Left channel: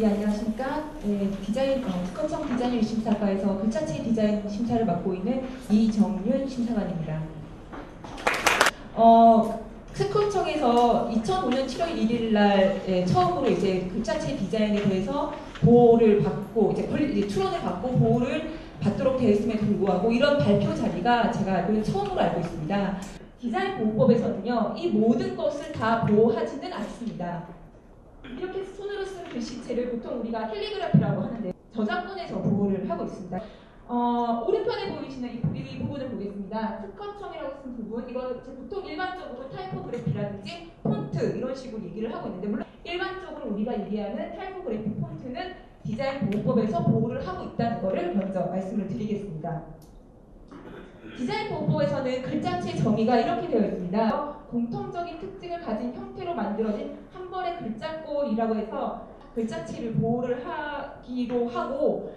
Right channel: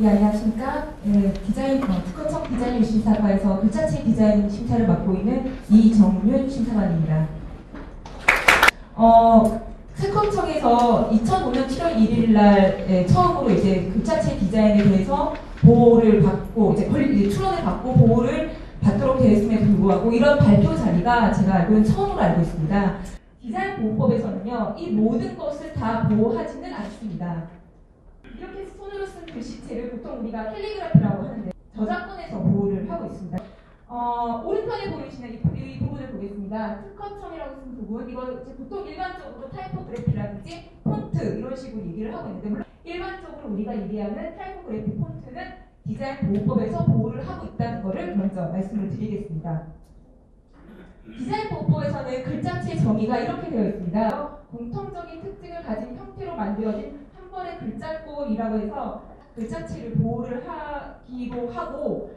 예, 안녕하십니까. 특허청 디자인 심사과에서 글자체 디자인 심사를 맡고 있는 이정윤 심사관입니다. 특허청에서 2005년 7월 1일 날 처음으로 이제 글자체 디자인에 대해서 보호를 받고 이제 출원을 받고 보호를 받도록 되어 있음에도 불구하고 이런 발표 자리가 제가 알고는 처음으로 알고 있습니다. 디자인 보호법에서는요, 이 모든 것을 다 보호하지는 않습니다. 이렇게 손으로 쓴 글씨체를 보통 우리가 캘리그라피라고 하는데 저작권에서 보호를 하고 있습니다. 오른편에 보이시는 이 부분을 보겠습니다. 특허청이라고 쓴 부분, 이거 보통 일반적으로 타이포그래피라든지 폰트 이런 식으로 얘기를 하고 있는데, 물론 일반적으로 우리가 얘기하는 타이포그래피 폰트는 디자인 보호법에서 보호를 하고 있다는 것을 먼저 말씀을 드리겠습니다. 디자인 보호법에서는 글자체의 정의가 이렇게 되어 있습니다. 공통적인 특징을 가진 형태로 만들어진 한 번의 글자꼴이라고 해서 글자체를 보호를 하기로 하고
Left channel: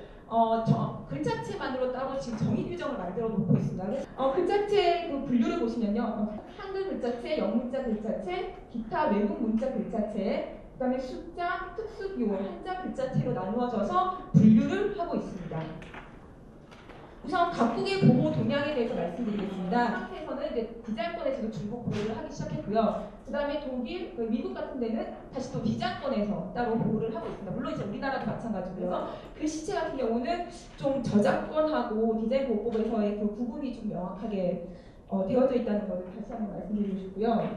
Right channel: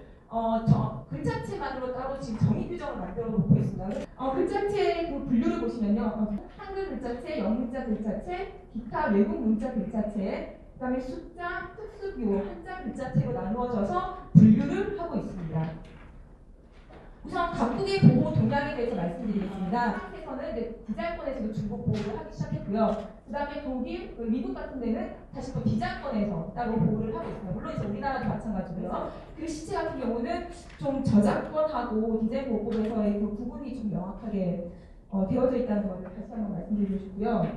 글자체만으로 따로 지금 정의 규정을 만들어 놓고 있습니다. 글자체 그 분류를 보시면요, 한글 글자체, 영문자 글자체, 기타 외국 문자 글자체, 그다음에 숫자, 특수기호, 한자 글자체로 나누어져서 분류를 하고 있습니다. 우선 각국의 보호 동향에 대해서 말씀드리겠습니다. 한국에서는 이제 디자인권에서도 줄곧 보호를 하기 시작했고요. 그 다음에 독일, 미국 같은 데는 다시 또 디자인권에서 따로 보호를 하고 있습니다. 물론 이제 우리나라도 마찬가지고요. 글씨체 같은 경우는 좀 저작권하고 디자인 보호법에서의 그 구분이 좀 명확하게 되어져 있다는 것을 다시 한번 말씀드리고 싶고요.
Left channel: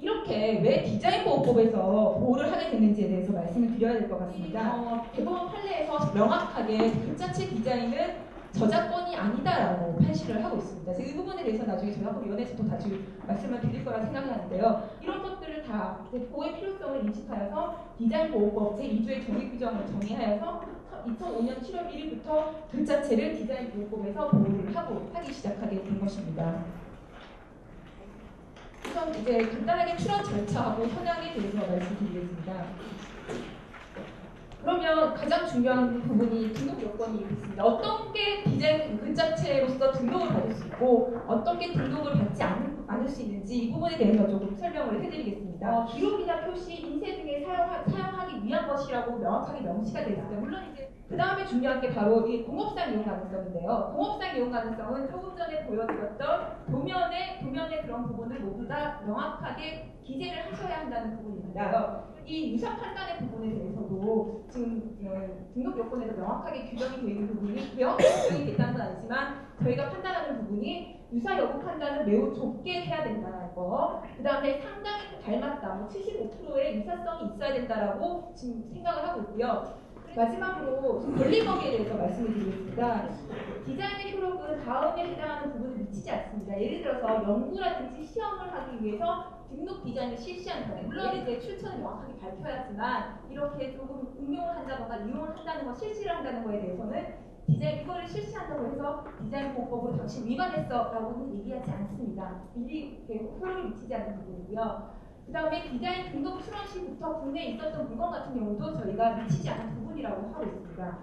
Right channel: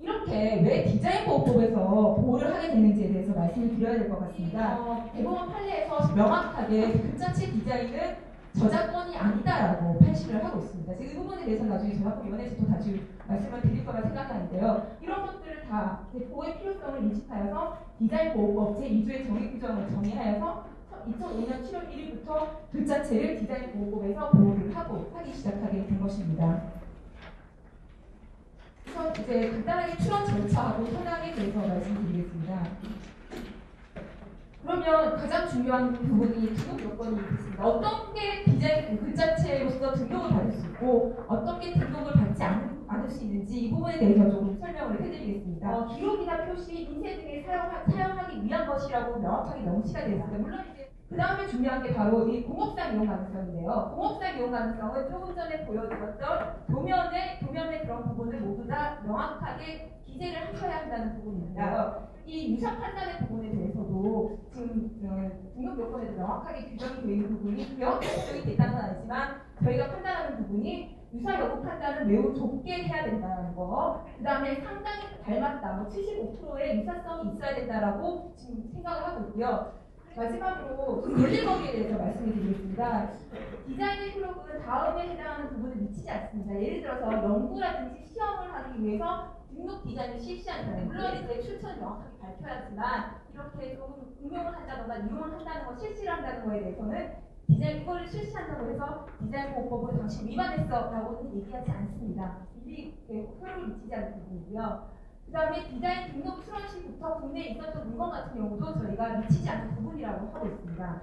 이렇게 왜 디자인 보호법에서 보호를 하게 됐는지에 대해서 말씀을 드려야 될 것 같습니다. 대법원 판례에서 명확하게 글자체 디자인은 저작권이 아니다라고 판시를 하고 있습니다. 그래서 이 부분에 대해서 나중에 저작권위원회에서도 다시 말씀을 드릴 거라 생각하는데요. 이런 것들을 다 보호의 필요성을 인식하여서 디자인 보호법 제2조의 정의 규정을 정의하여서 2005년 7월 1일부터 글자체를 디자인 보호법에서 보호를 하기 시작하게 된 것입니다. 우선 이제 간단하게 출원 절차하고 현황에 대해서 말씀드리겠습니다. 그러면 가장 중요한 부분이 등록 요건이 있습니다. 어떤 게 디자인 글자체로서 등록을 받을 수 있고 어떤 게 등록을 받지 않을 수 있는지 이 부분에 대해서 조금 설명을 해드리겠습니다. 기록이나 표시, 인쇄 등에 사용하기 위한 것이라고 명확하게 명시가 되어 있습니다. 물론 이제 그 다음에 중요한 게 바로 이 공업상 이용 가능성인데요. 공업상 이용 가능성은 조금 전에 보여드렸던 도면의 그런 부분을 모두 다 명확하게 기재를 하셔야 한다는 부분입니다. 이 유사 판단의 부분에 대해서도 지금 등록 요건에도 명확하게 규정이 되어 있는 부분이 있고요. 규정이 됐다는 건 아니지만 저희가 판단하는 부분이 유사 여부 판단은 매우 좁게 해야 된다는 거, 그 다음에 상당히 닮았다, 75%의 유사성이 있어야 된다라고 지금 생각을 하고 있고요. 마지막으로 논리범위에 대해서 말씀을 드리겠습니다. 디자인의 효력은 다음에 해당하는 부분을 미치지 않습니다. 예를 들어서 연구라든지 시험을 하기 위해서 등록 디자인을 실시한다. 물론 이제 출처는 명확하게 밝혀야지만 이렇게 조금 응용을 한다거나 이용을 한다는 거, 실시를 한다는 거에 대해서는 디자인 이거를 실시한다고 해서 디자인 보호법으로 당신 위반했어라고는 얘기하지 않습니다. 미리 효력을 미치지 않는 부분이고요. 그 다음에 디자인 등록 출원 시부터 국내에 있었던 물건 같은 경우도 저희가 미치지 않는 부분이라고 하고 있습니다.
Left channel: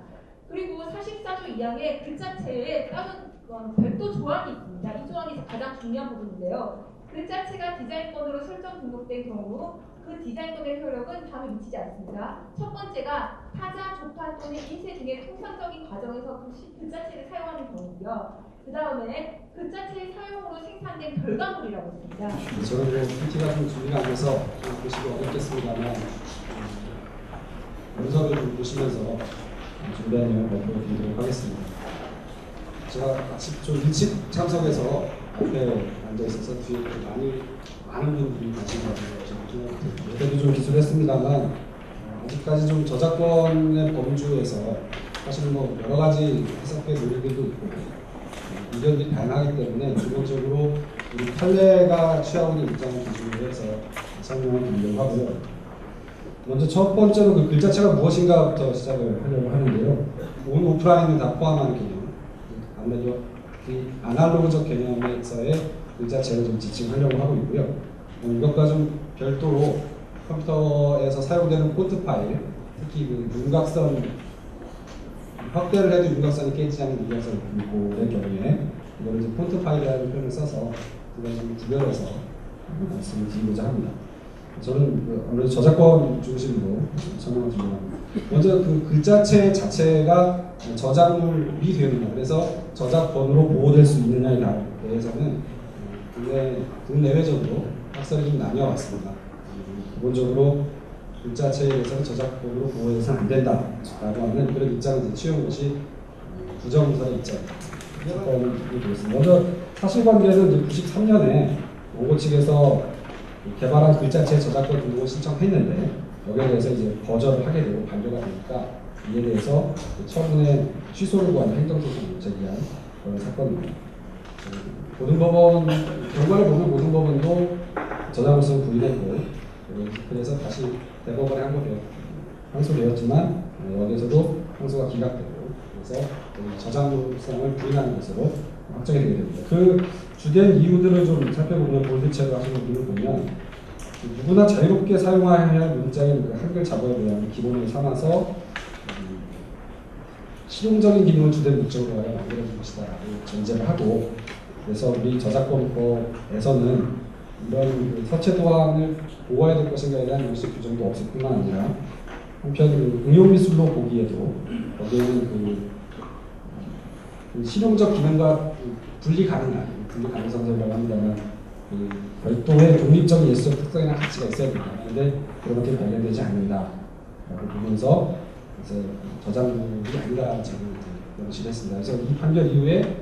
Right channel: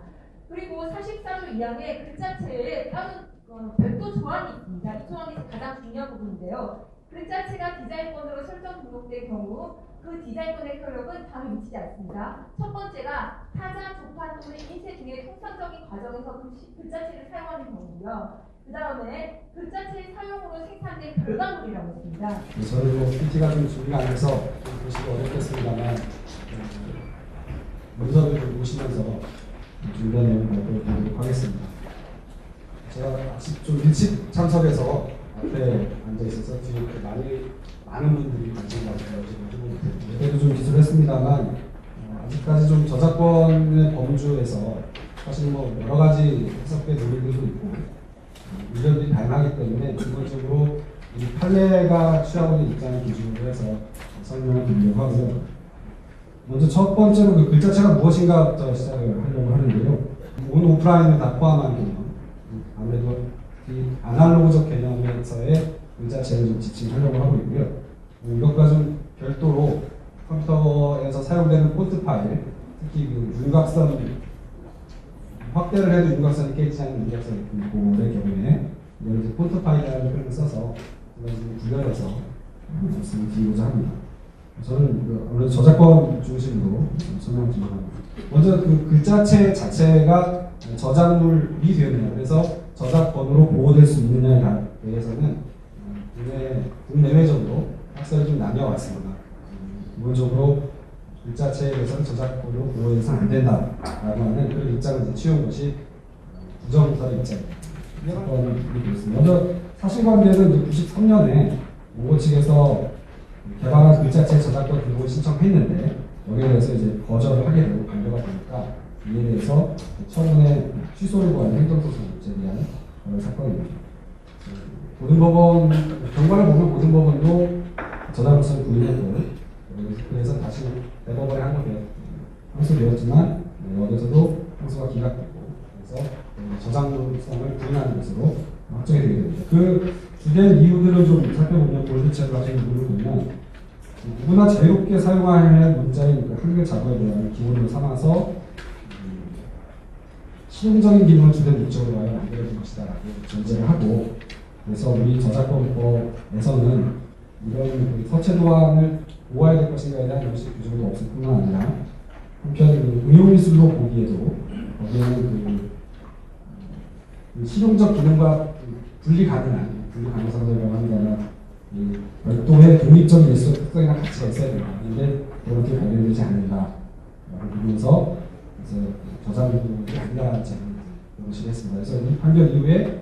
그리고 44조 2항에 글자체에 다른 별도 조항이 있습니다. 이 조항이 가장 중요한 부분인데요. 글자체가 디자인권으로 설정 등록된 경우 그 디자인권의 효력은 다음에 미치지 않습니다. 첫 번째가 타자, 조판 또는 인쇄 등의 통상적인 과정에서 글자체를 사용하는 경우고요. 그 다음에 글자체의 사용으로 생산된 결과물이라고 했습니다. 저는 PPT가 좀 준비가 안 돼서 좀 보시기 어렵겠습니다만 문서를 좀 보시면서 준비한 내용 발표를 드리도록 하겠습니다. 제가 아침 좀 일찍 참석해서 앞에 앉아 있어서 뒤에 많은 분들이 가신 것 같아요. 저는 그때도 좀 기술했습니다만 아직까지 좀 저작권의 범주에서 사실 뭐 여러 가지 해석의 논리들도 있고 이력이 다양하기 때문에 기본적으로 이 판례가 취하고 있는 입장을 기준으로 해서 설명을 드리려고 하고요. 먼저 첫 번째로 그 글자체가 무엇인가부터 시작을 하려고 하는데요. 온 오프라인을 다 포함한 개념, 아무래도 이 아날로그적 개념에서의 글자체를 좀 지칭하려고 하고 있고요. 이것과 좀 별도로 컴퓨터에서 사용되는 폰트 파일, 특히 그 윤곽선 확대를 해도 윤곽선이 깨지지 않는 윤곽선 기호의 경우에 이걸 이제 폰트 파일이라는 표현을 써서 두 가지를 구별해서 말씀을 드리고자 합니다. 저는 아무래도 저작권 중심으로 설명을 드리려고 합니다. 먼저 그 글자체 자체가 저작물이 되느냐, 그래서 저작권으로 보호될 수 있느냐에 대해서는 국내외적으로 학설이 좀 나뉘어왔습니다. 기본적으로 글자체에 대해서는 저작권으로 보호해서는 안 된다라고 하는 그런 입장을 취한 것이 부정선의 입장입니다. 먼저 사실관계는 93년에 원고 측에서 개발한 글자체 저작권 등록을 신청했는데 여기에 대해서 이제 거절을 하게 되고 반려가 되니까 이에 대해서 처음에 취소를 구하는 행정소송을 제기한 그런 사건입니다. 모든 법원 경과를 보면 모든 법원도 저작물성 부인했고 그래서 다시 대법원에 항소되었지만 여기에서도 항소가 기각되고 그래서 저작물성을 부인하는 것으로 확정이 되게 됩니다. 그 주된 이유들을 좀 살펴보면 볼드체로 하시는 분을 보면 누구나 자유롭게 사용해야 할 문자의 그 한글 작업에 대한 기본을 삼아서 실용적인 기능을 주된 목적으로 만들어진 것이다라고 전제를 하고 그래서 우리 저작권법에서는 이런 그 서체 도안을 보호해야 될 것인가에 대한 명시 규정도 없을 뿐만 아니라 한편 그 응용미술로 보기에도 거기에는 그 실용적 기능과 분리 가능한 가능성이라고 한다면 별도의 독립적인 예술적 특성이나 가치가 있어야 된다. 그런데 그런 것들이 발견되지 않는다라고 보면서 저작물이 아니다라는 점을 명시를 했습니다. 그래서 이 판결 이후에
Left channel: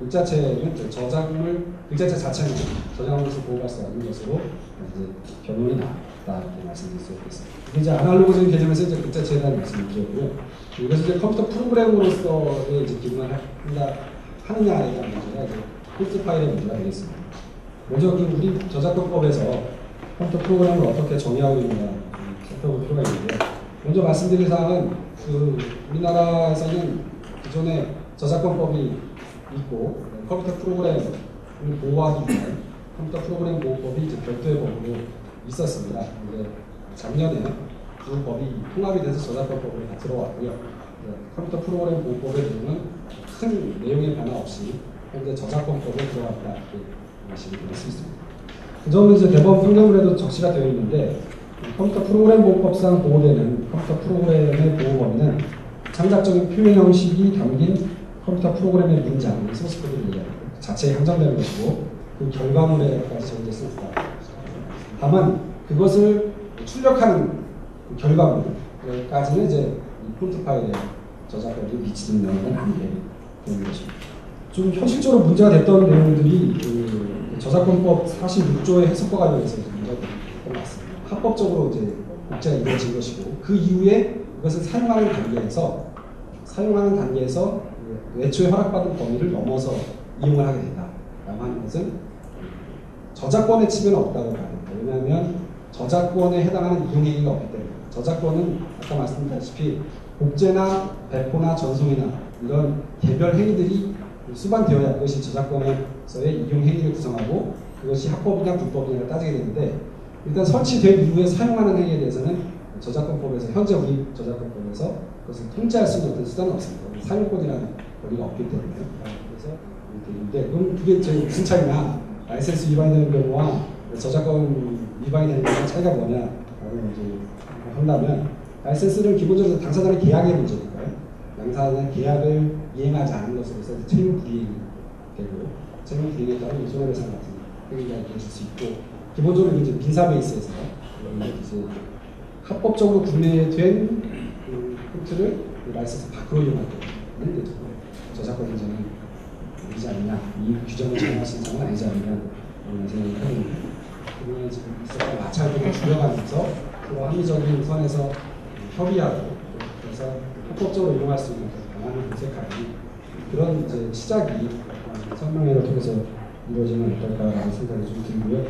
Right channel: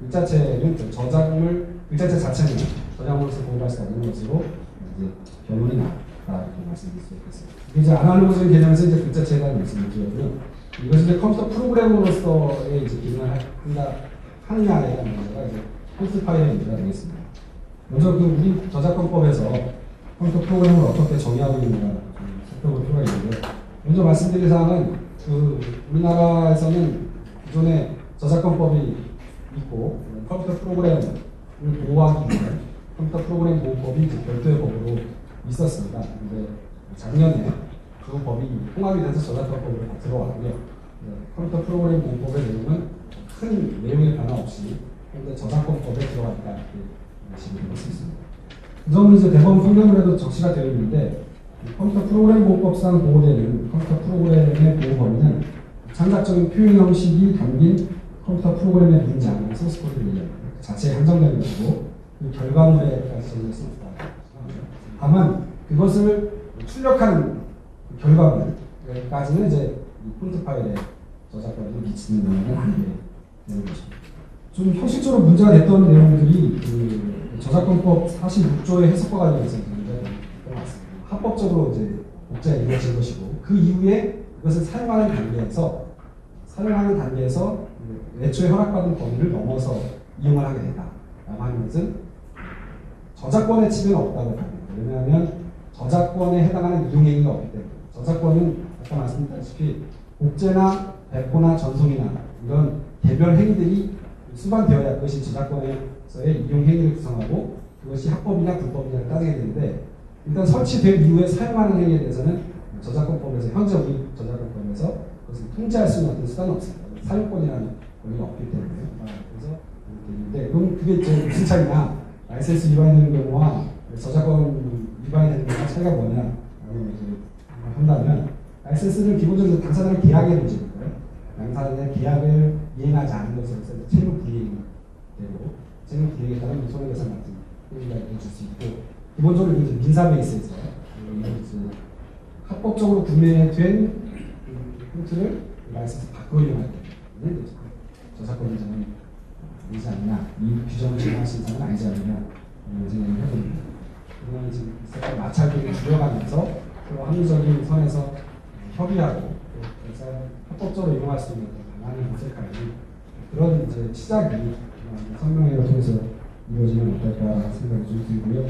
글자체는 글자체 자체는 저작물로서 보호할 수 없는 것으로 이제 결론이 나왔다 이렇게 말씀드릴 수 있겠습니다. 이제 아날로그적인 개념에서 이제 글자체에 대한 말씀을 드렸고요. 이것은 이제 컴퓨터 프로그램으로서의 이제 기능을 하느냐에 대한 문제가 이제 코드 파일의 문제가 되겠습니다. 먼저 그 우리 저작권법에서 컴퓨터 프로그램을 어떻게 정의하고 있는가 살펴볼 필요가 있는데요. 먼저 말씀드릴 사항은 그 우리나라에서는 기존에 저작권법이 있고 컴퓨터 프로그램을 보호하기 위해 컴퓨터 프로그램 보호법이 이제 별도의 법으로 있었습니다. 근데 작년에 두 법이 통합이 돼서 저작권법으로 다 들어왔고요. 컴퓨터 프로그램 보호법의 내용은 큰 내용의 변화 없이 현재 저작권법에 들어갔다 이렇게 말씀드릴 수 있습니다. 그 점은 이제 대법원 판결문에도 적시가 되어 있는데 컴퓨터 프로그램 보호법상 보호되는 컴퓨터 프로그램의 보호 범위는 창작적인 표현 형식이 담긴 컴퓨터 프로그램의 문장, 소스코드를 얘기하는 것 자체에 한정되는 것이고 그 결과물에까지 적용될 수 있다. 다만 그것을 출력하는 그 결과물까지는 이제 이 폰트 파일에 저작권이 미치는 내용은 아니게 되는 것입니다. 좀 현실적으로 문제가 됐던 내용들이 그 저작권법 46조의 해석과 관련해서 문제가 됐던 것 같습니다. 합법적으로 이제 복제가 이루어진 것이고 그 이후에 이것을 사용하는 단계에서 애초에 허락받은 범위를 넘어서 이용을 하게 된다라고 하는 것은 저작권의 측면은 없다고 봐야 됩니다. 왜냐하면 저작권에 해당하는 이용행위가 없기 때문에 저작권은 아까 말씀드렸다시피 복제나 배포나 전송이나 이런 개별 행위들이 수반되어야 그것이 저작권에서의 이용행위를 구성하고 그것이 합법이냐 불법이냐를 따지게 되는데 일단 설치된 이후에 사용하는 행위에 대해서는 저작권법에서 현재 우리 저작권법에서 그것을 통제할 수 있는 어떤 수단은 없습니다. 사용권이라는 권리가 없기 때문에 그래서 되는데 그럼 그게 무슨 차이냐 라이센스 위반이 되는 경우와 저작권 위반이 되는 경우와 차이가 뭐냐라고 이제 한다면 라이센스는 기본적으로 당사자의 계약의 문제니까요. 당사자의 계약을 이행하지 않은 것으로서 책임 불이행이 되고 책임 불이행에 따른 손해배상 같은 행위가 있을 수 있고 기본적으로 이제 민사 베이스에서 이제 합법적으로 구매된 그 폰트를 라이센스 밖으로 이용할 때는 이제 저작권 문제는 되지 않느냐 이 규정을 정하신 사람은 아니지 않느냐 이런 생각을 해봅니다. 그러면 지금 있었던 마찰들을 줄여가면서 서로 합리적인 선에서 협의하고 그래서 합법적으로 이용할 수 있는 방안을 모색하는 그런 이제 시작이 설명회를 통해서 이루어지면 어떨까라는 생각이 좀 들고요.